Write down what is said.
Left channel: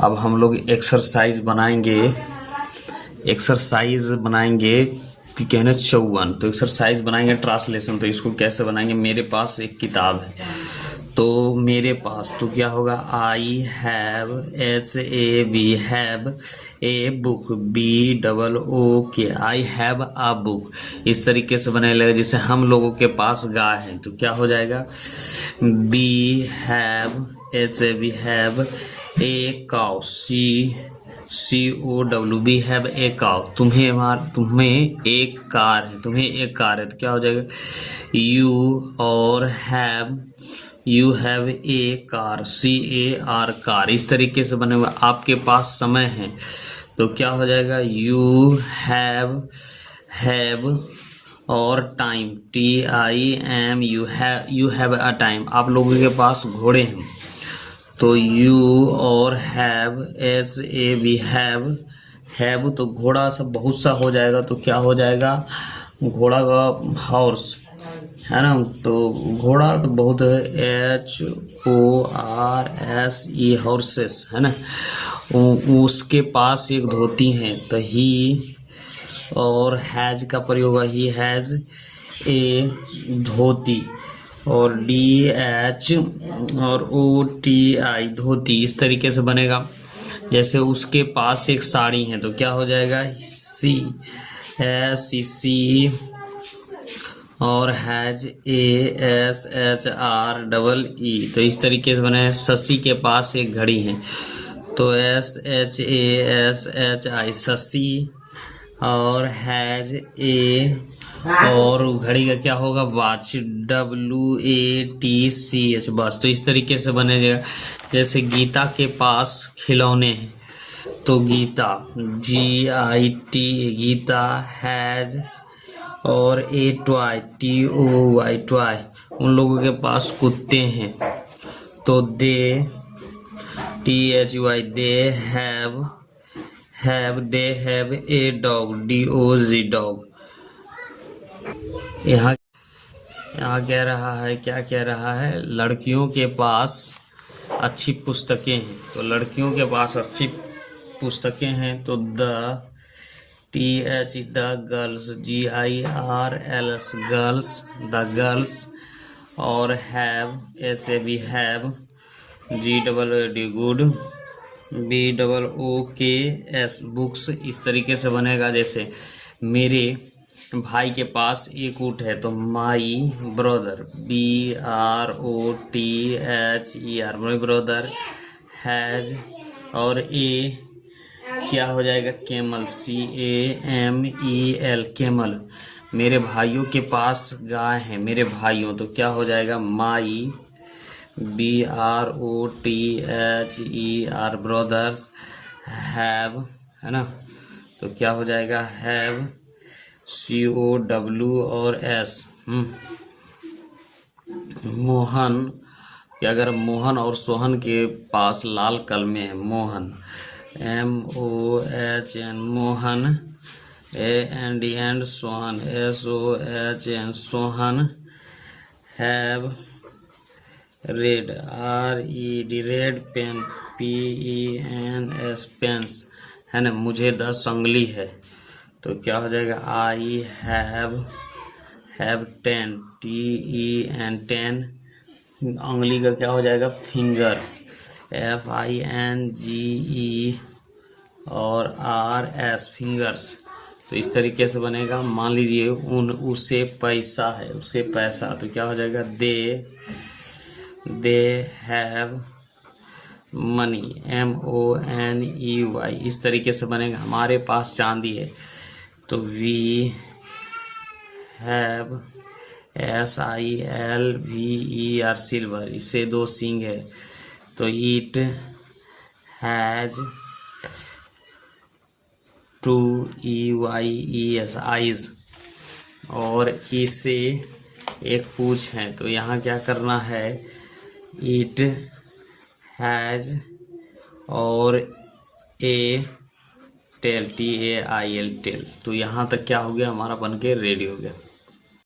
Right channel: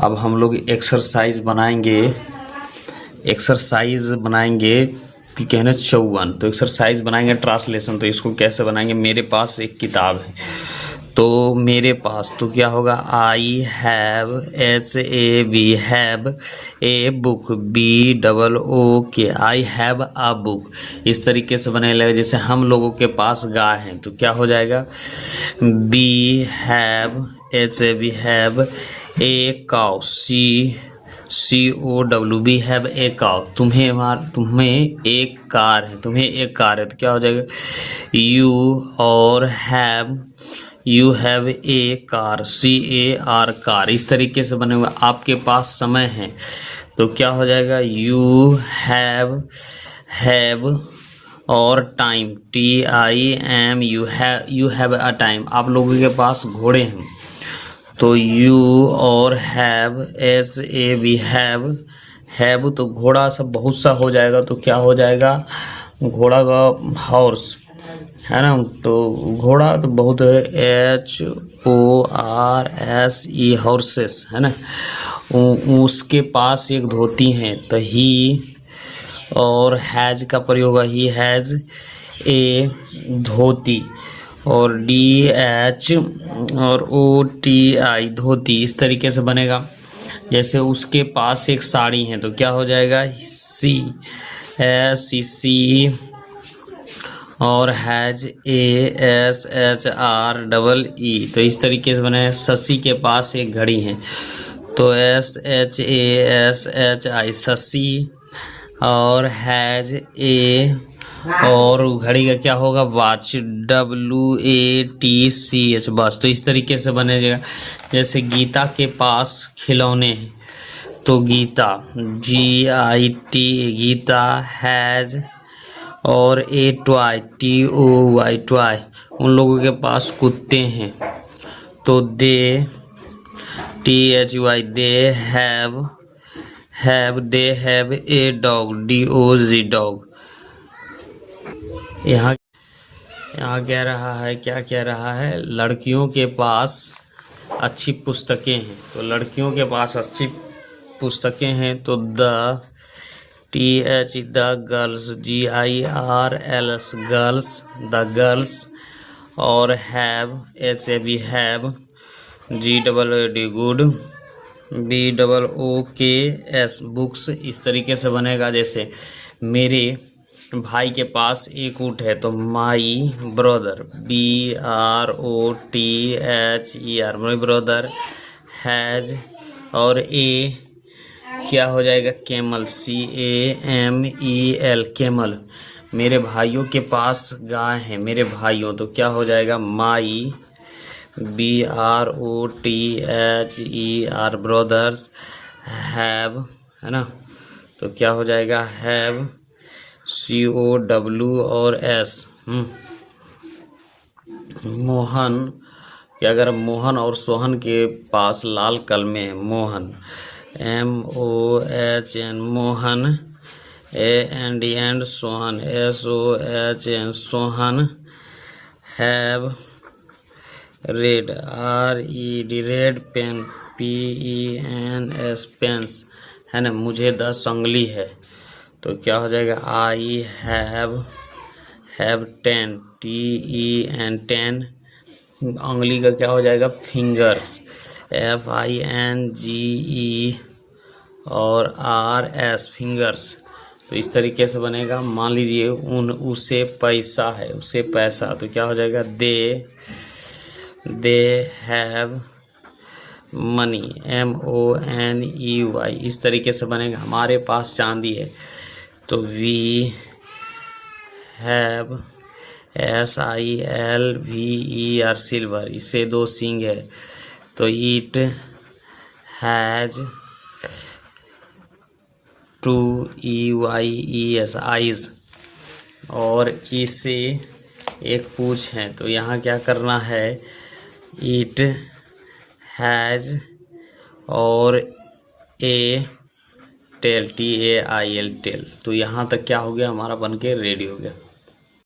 अब हम लोग एक्सरसाइज बनाएंगे कि कहना 54। तो एक्सरसाइज बनाएंगे ट्रांसलेशन। तो इसको कैसे बनाएंगे? मेरे पास एक किताब है, तो मेरे पास तो क्या होगा, I have, HAV have a book, BOOK, I have a book. इस तरीके से बनाने लगे। जैसे हम लोगों के पास गाय है तो क्या हो जाएगा, we have, HAV have a cow, COW, we have a cow. तुम्हें एक कार है, तो क्या हो जाएगा, you have a car, CAR car. इस तरीके से बने हुए। आपके पास समय है तो क्या हो जाएगा, यू हैव और time, TIM, you have a time. आप लोगों के पास घोड़े हैं तो यू और हैव, HAV हैव तो घोड़ा सब बहुत सा हो जाएगा, तो क्या हो जाएगा, घोड़ा का हॉर्स है ना। तो घोड़ा तो बहुत है, HORSE हॉर्सेस है ना। उसके पास एक धोती है तो ही और हैज का प्रयोग है, ही हैज ए धोती, और DH और OTI धोती। इस तरीके से बनेगा। जैसे उसके पास एक साड़ी है तो क्या हो जाएगा, CSE और हैज ASHREE। तो इस तरीके से बने। शशि के पास एक घड़ी है तो SHASHI शशि, और हैज ए, और घड़ी का क्या होगा, वॉच, WATCH बस। तो इस तरीके से बनेगा। जैसे गीता के पास खिलौने हैं तो गीता, GIT गीता हैज, और ए टॉय, TOY टॉय। उन लोगों के पास कुत्ते हैं तो दे, THY they they have a dog, DOG dog. यहाँ कह रहा है, क्या कह रहा है, लड़कियों के पास अच्छी पुस्तकें हैं। तो लड़कियों के पास अच्छी पुस्तकें हैं तो TH the girls, GIRLS girls, the girls, और have, HAV have, GOOD good, BOOKS books. इस तरीके से बनेगा। जैसे मेरे भाई के पास एक ऊँट है तो my brother, BROTHER, my brother has, और ए क्या हो जाएगा, कैमल, CAMEL कैमल। मेरे भाइयों के पास गाय है, मेरे भाइयों, तो क्या हो जाएगा, माई BROTHER ब्रदर्स हैव, है ना। तो क्या हो जाएगा, हैव, COW और S। मोहन, क्या अगर मोहन और सोहन के पास लाल कलमे है, Mohan, MOHN Mohan, AND Sohan, SOHN Sohan, have red, RED red pen, PENS pens, है ना। मुझे 10 उंगली है तो क्या हो जाएगा, आई हैव 10, TEN 10। उंगली का क्या हो जाएगा, फिंगर्स, FINGE और RS फिंगर्स। तो इस तरीके से बनेगा। मान लीजिए उसे पैसा है, उसे पैसा, तो क्या हो जाएगा, दे हैव मनी, MONEY। इस तरीके से बनेगा। हमारे पास चांदी है तो वी हैव SILVER सिल्वर। इससे 2 सींग है तो इट हैज 2 EYES आइज। और इससे एक पूछ है तो यहाँ क्या करना है, इट हैज और ए टेल, TAIL टेल। तो यहाँ तक क्या हो गया, हमारा बनके रेडी हो गया।